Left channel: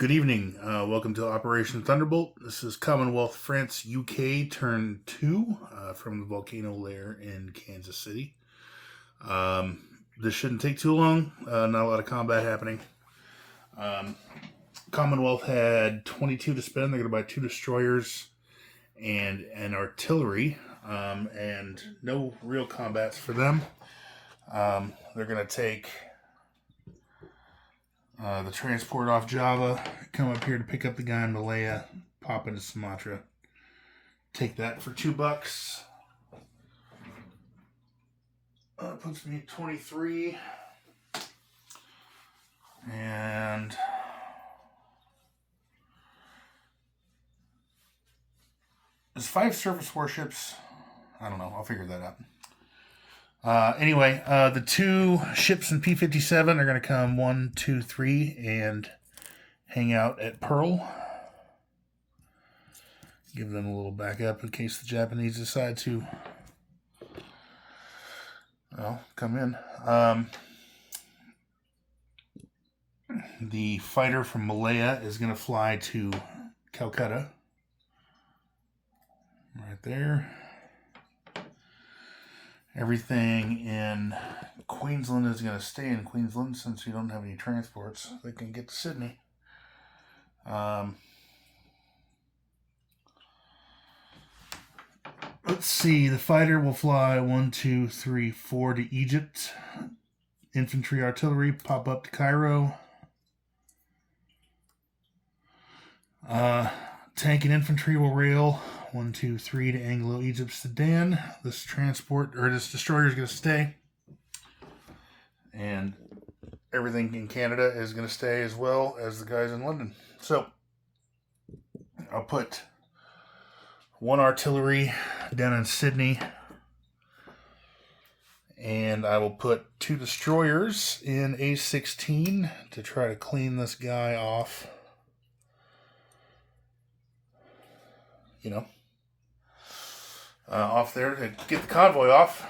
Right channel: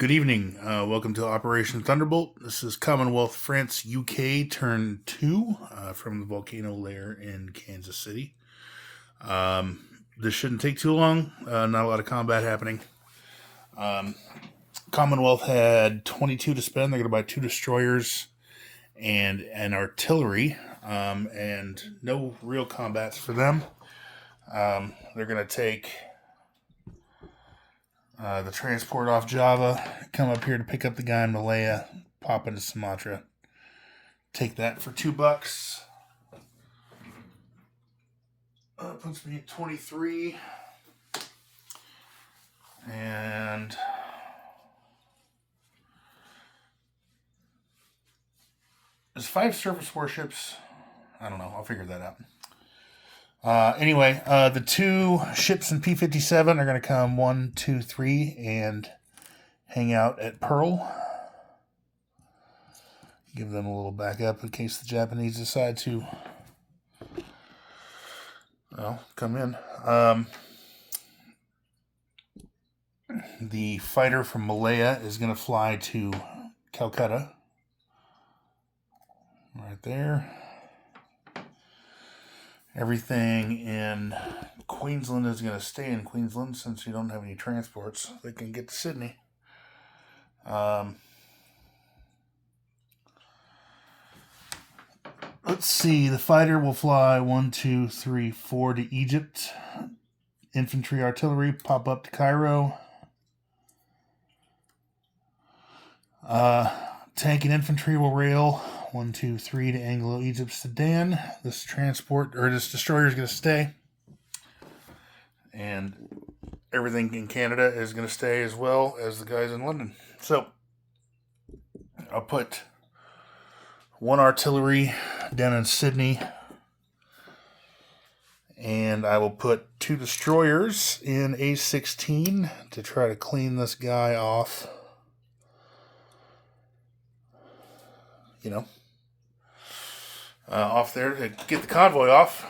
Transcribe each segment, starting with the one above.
Good evening. Welcome to Operation Thunderbolt. This is Commonwealth France UK Turn 2 from the volcano lair in Kansas City. This shouldn't take too long. Not a lot of combat happening. Commonwealth had 22 to spend. They're going to buy 2 destroyers and an artillery, and no real combats for them. They're going to take the transport off Java, come up here to pick up the guy in Malaya, pop into Sumatra. Take that for $2. Puts me at 23. And there's 5 surface warships. I don't know. I'll figure that out. Anyway, the 2 ships in P-57 are going to come 1, 2, 3 and hang out at Pearl. Give them a little backup in case the Japanese decide to, come in. The fighter from Malaya is going to fly to Calcutta. Right there. Everything in Queensland is going to stay in Queensland since you don't have any transports. They can get to Sydney. Let's see. The fighter will fly 1, 2, 3, 4 to Egypt. Infantry, artillery pop up to Cairo. Tank and infantry will rail 1, 2, 3 to Anglo-Egypt Sudan. This destroyer is going to stay. And everything in Canada is going to stay as well as the guys in London. So, I'll put 1 artillery down in Sydney. And I will put 2 destroyers in A16 to try to clean this guy off. Off there to get the convoy off.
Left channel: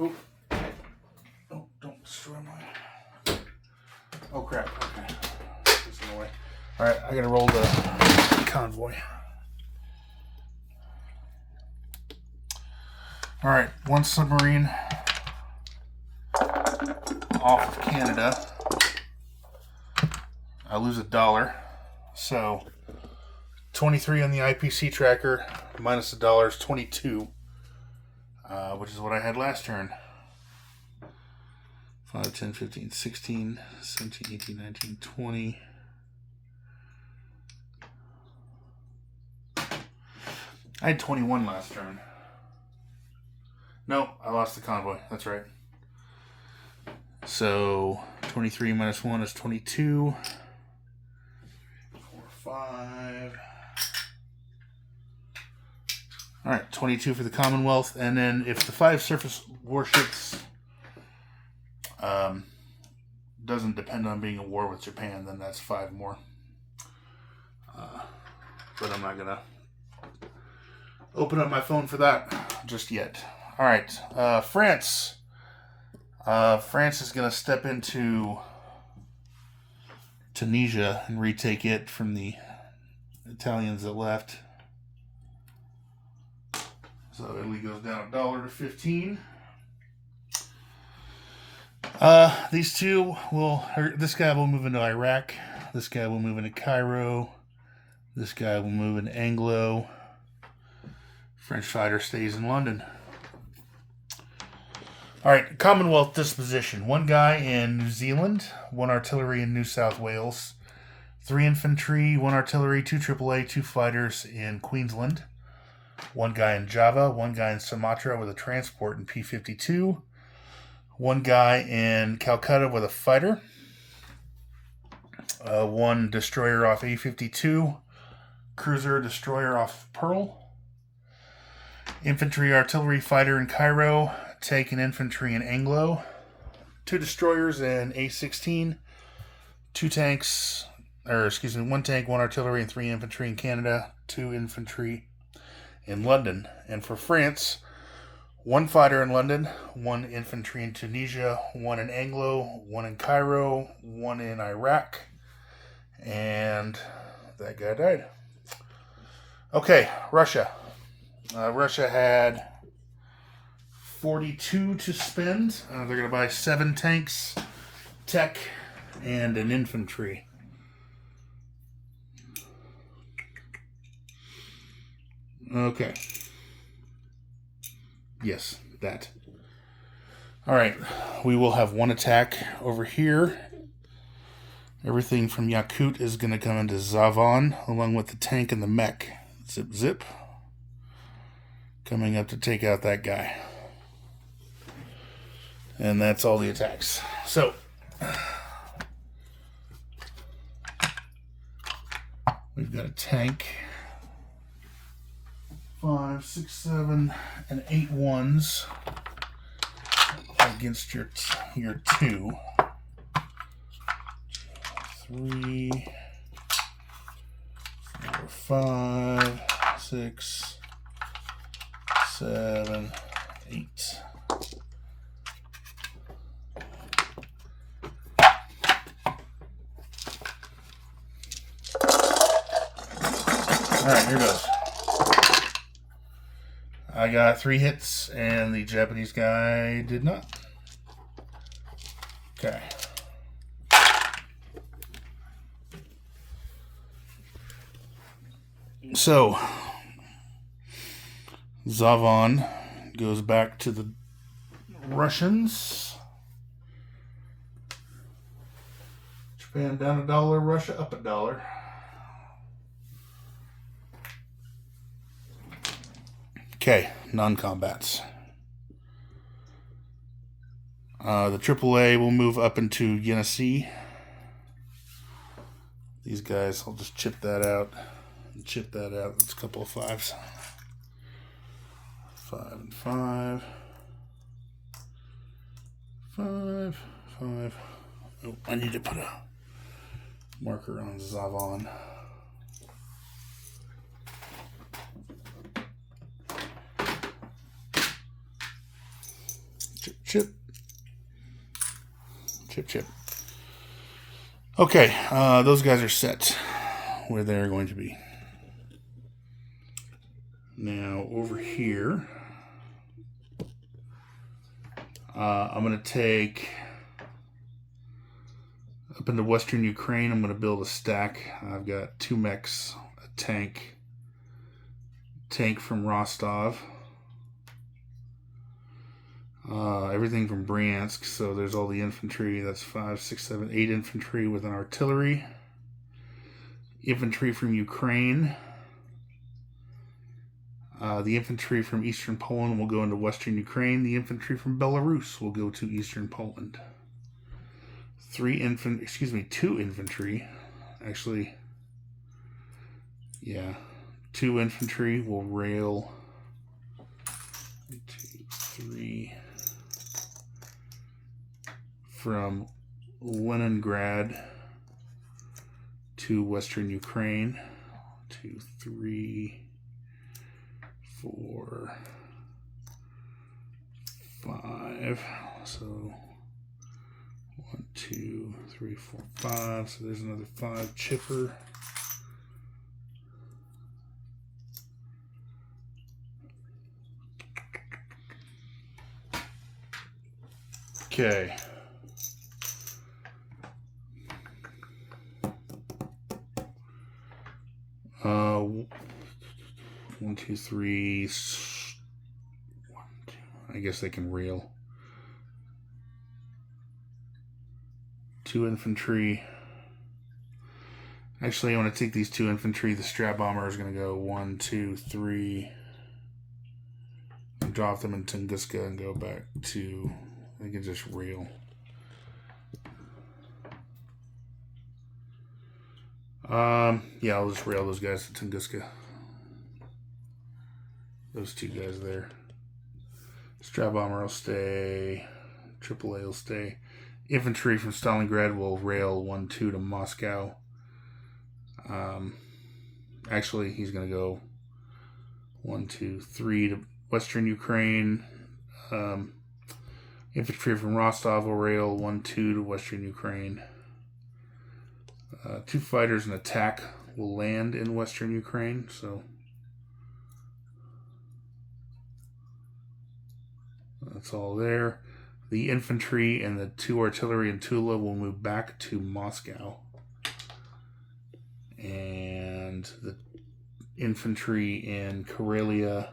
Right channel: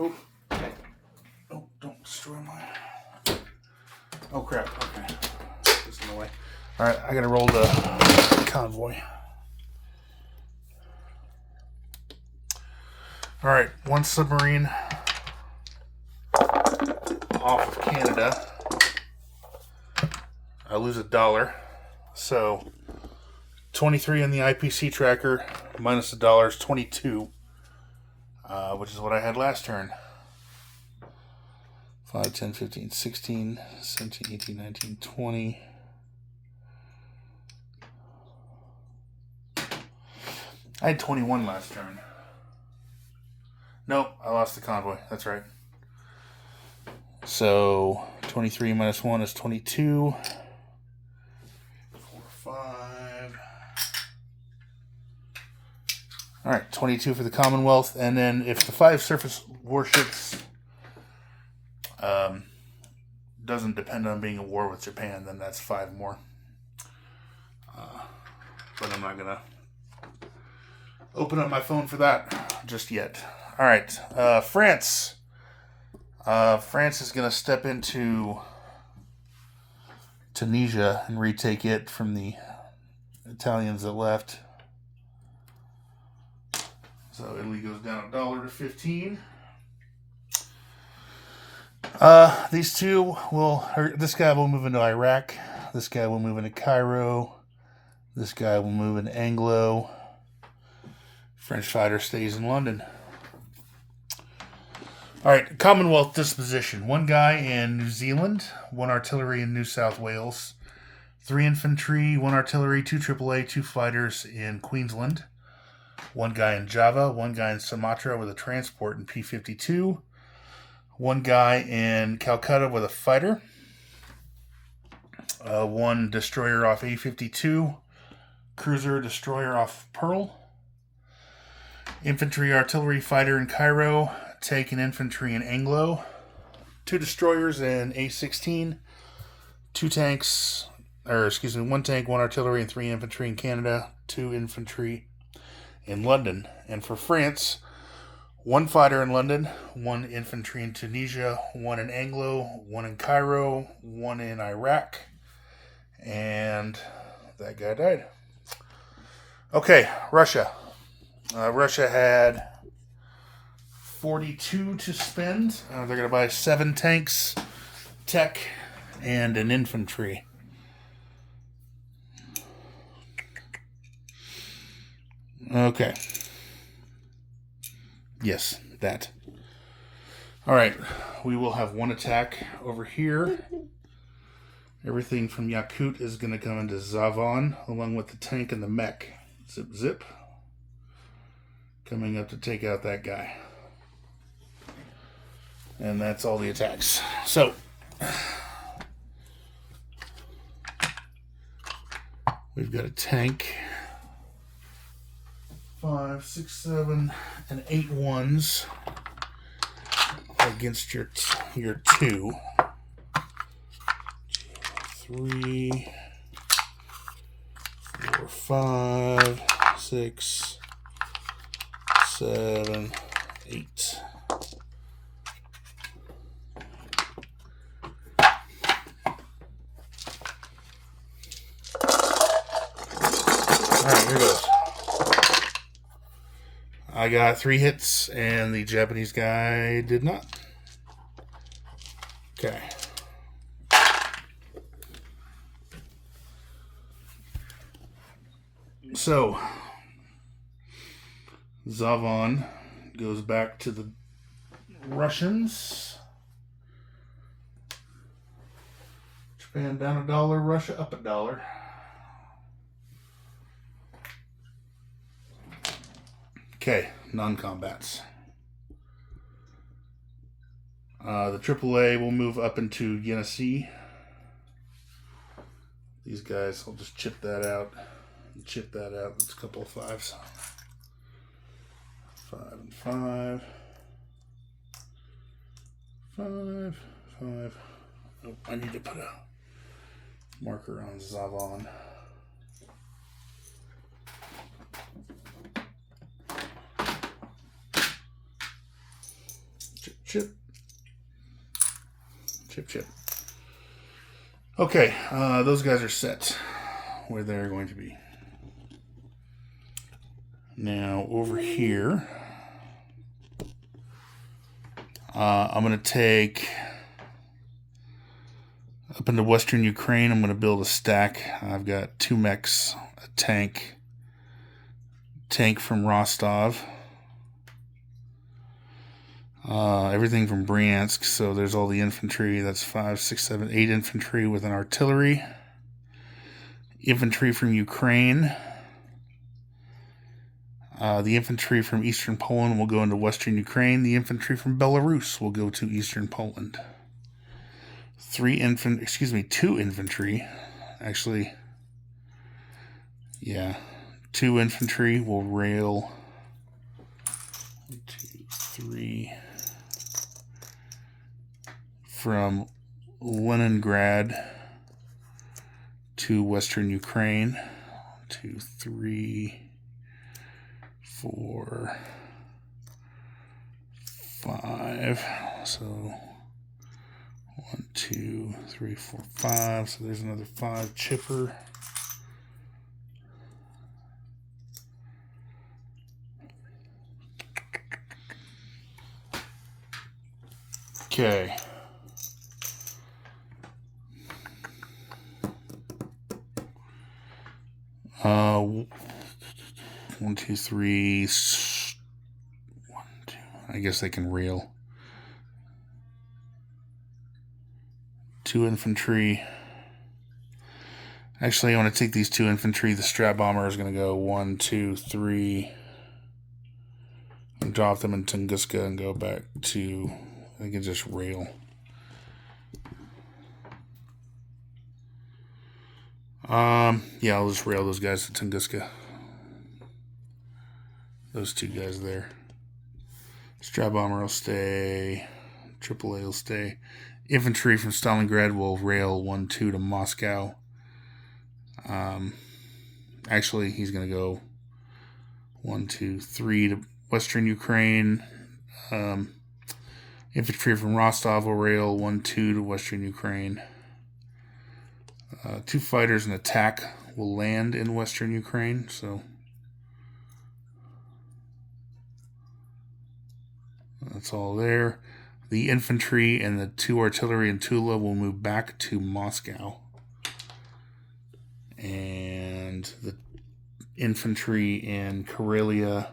Oh, don't destroy my... Oh, crap. Okay. This is in the way. All right, I got to roll the convoy. All right, 1 submarine off of Canada. I lose $1. So 23 on the IPC tracker, minus $1 is 22, which is what I had last turn. 5, 10, 15, 16, 17, 18, 19, 20. I had 21 last turn. No, I lost the convoy. That's right. So 23 minus 1 is 22. 4, 5. All right, 22 for the Commonwealth. And then if the 5 surface warships doesn't depend on being a war with Japan, then that's 5 more. But I'm not going to open up my phone for that just yet. All right, France. France is going to step into Tunisia and retake it from the Italians that left. So Italy goes down $1 to 15. These two this guy will move into Iraq. This guy will move into Cairo. This guy will move into Anglo. French fighter stays in London. All right, Commonwealth disposition. 1 guy in New Zealand, 1 artillery in New South Wales, 3 infantry, 1 artillery, 2 AAA, 2 fighters in Queensland, 1 guy in Java, 1 guy in Sumatra with a transport in P-52, 1 guy in Calcutta with a fighter, 1 destroyer off A-52, cruiser destroyer off Pearl, infantry, artillery, fighter in Cairo, tank and infantry in Anglo, 2 destroyers in A-16, 1 tank, 1 artillery, and 3 infantry in Canada, 2 infantry in London. And for France, 1 fighter in London, 1 infantry in Tunisia, 1 in Anglo, 1 in Cairo, 1 in Iraq, And that guy died. Okay, Russia. Russia had 42 to spend. They're going to buy 7 tanks, tech, and an infantry. Okay. Yes, that. All right. We will have 1 attack over here. Everything from Yakut is going to come into Zavon, along with the tank and the mech. Zip, zip. Coming up to take out that guy. And that's all the attacks. So, we've got a tank. 5, 6, 7, and 8 ones against your 2. 3, 4, 5, 6, 7, 8. Alright, here goes. I got 3 hits, and the Japanese guy did not. Okay. So, Zavon goes back to the Russians. Japan down $1, Russia up $1. Okay, non-combats. The AAA will move up into Yenisei. These guys, I'll just chip that out. Chip that out. It's a couple of 5s. 5 and 5. 5, 5. Oh, I need to put a marker on Zavon. Chip, chip. Chip, chip. Okay, those guys are set where they're going to be. Now, over here, I'm going to take up into western Ukraine. I'm going to build a stack. I've got 2 mechs, a tank from Rostov, everything from Bryansk. So there's all the infantry. That's 5, 6, 7, 8 infantry with an artillery. Infantry from Ukraine. The infantry from eastern Poland will go into western Ukraine. The infantry from Belarus will go to eastern Poland. 2 infantry. Actually, yeah, 2 infantry will rail. 1, 2, 3 from Leningrad to western Ukraine. 2, 3, 4, 5. So 1, 2, 3, 4, 5. So there's another 5 chipper. Okay. One, two, three. 1, 2. I guess they can reel. 2 infantry. Actually, I want to take these 2 infantry. The strap bomber is going to go 1, 2, 3. And drop them in Tunguska and go back to. I can just rail. Yeah, I'll just rail those guys to Tunguska. Those 2 guys there. Strap bomber will stay. AAA will stay. Infantry from Stalingrad will rail 1, 2 to Moscow. Actually, he's going to go 1, 2, 3 to western Ukraine. Infantry from Rostov will rail 1, 2 to western Ukraine. 2 fighters and attack will land in western Ukraine, so that's all there. The infantry and the 2 artillery in Tula will move back to Moscow. And the infantry in Karelia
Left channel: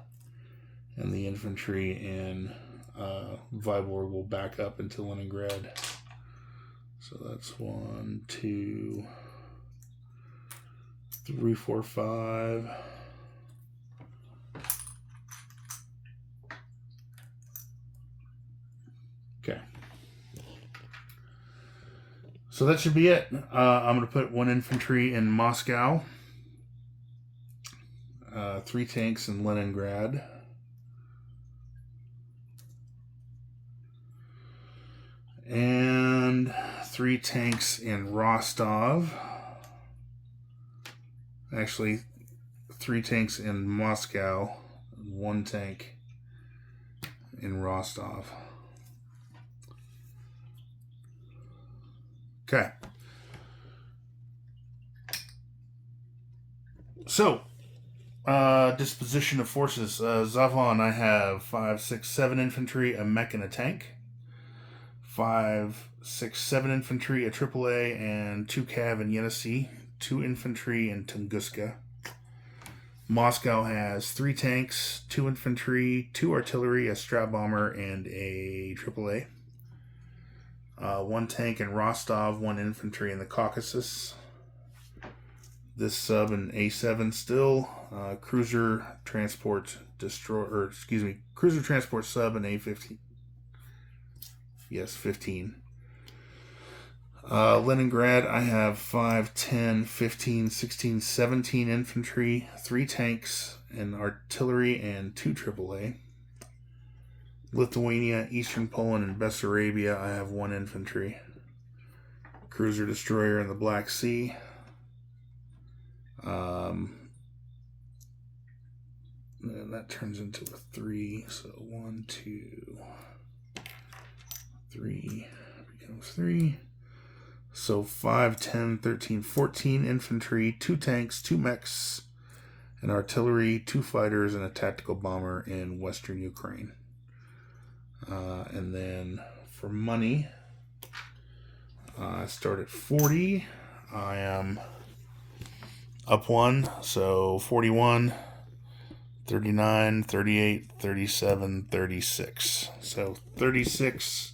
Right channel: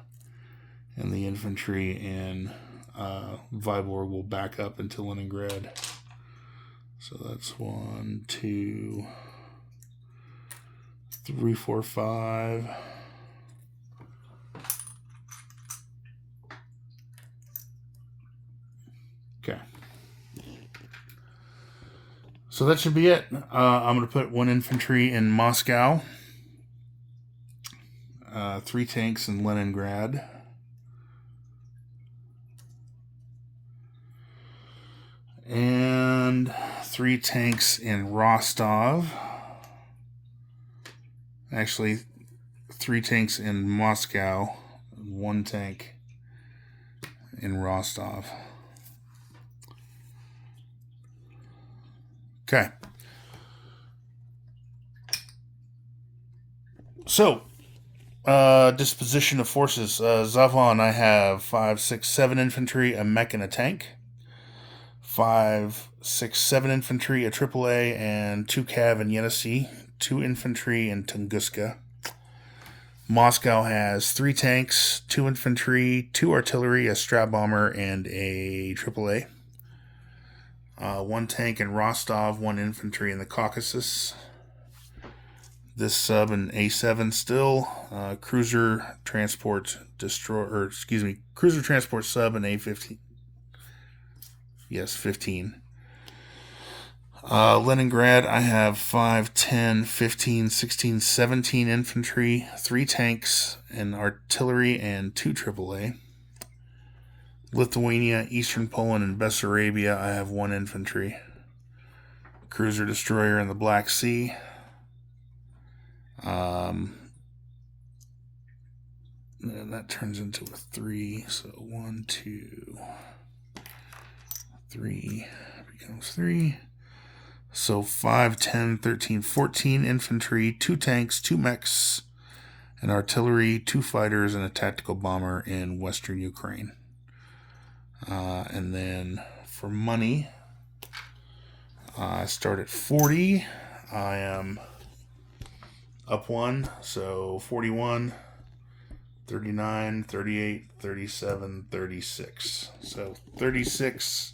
and the infantry in Vyborg will back up into Leningrad. So that's 1, 2, 3, 4, 5. Okay. So that should be it. I'm going to put 1 infantry in Moscow, 3 tanks in Leningrad, and 3 tanks in Rostov. Actually, 3 tanks in Moscow, 1 tank in Rostov. Okay. So, disposition of forces. Zavon, I have 5, 6, 7 infantry, a mech, and a tank. 5, 6, 7 infantry, a AAA, and 2 cav in Yenisei. 2 infantry in Tunguska. Moscow has 3 tanks, 2 infantry, 2 artillery, a strat bomber, and a AAA. 1 tank in Rostov, 1 infantry in the Caucasus. This sub in A7 still. Cruiser transport cruiser transport sub in A15. Yes, 15. Leningrad, I have 5, 10, 15, 16, 17 infantry, 3 tanks, and artillery, and 2 AAA. Lithuania, Eastern Poland, and Bessarabia, I have 1 infantry. Cruiser destroyer in the Black Sea. And that turns into a 3, so 1, 2, 3 becomes 3. So 5, 10, 13, 14 infantry, 2 tanks, 2 mechs, an artillery, 2 fighters, and a tactical bomber in western Ukraine. And then for money, I start at 40. I am up 1, so 41, 39, 38, 37, 36. So 36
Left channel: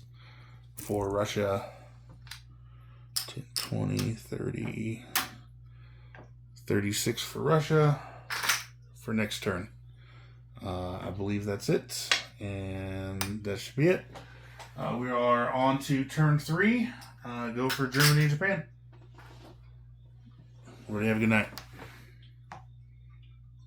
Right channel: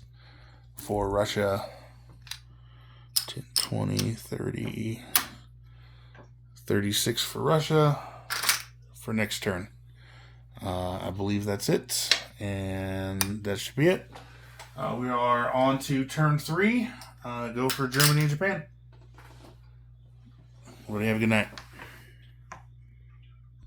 for Russia, 10, 20, 30, 36 for Russia for next turn. I believe that's it, and that should be it. We are on to turn 3. Go for Germany and Japan. Everybody have a good night.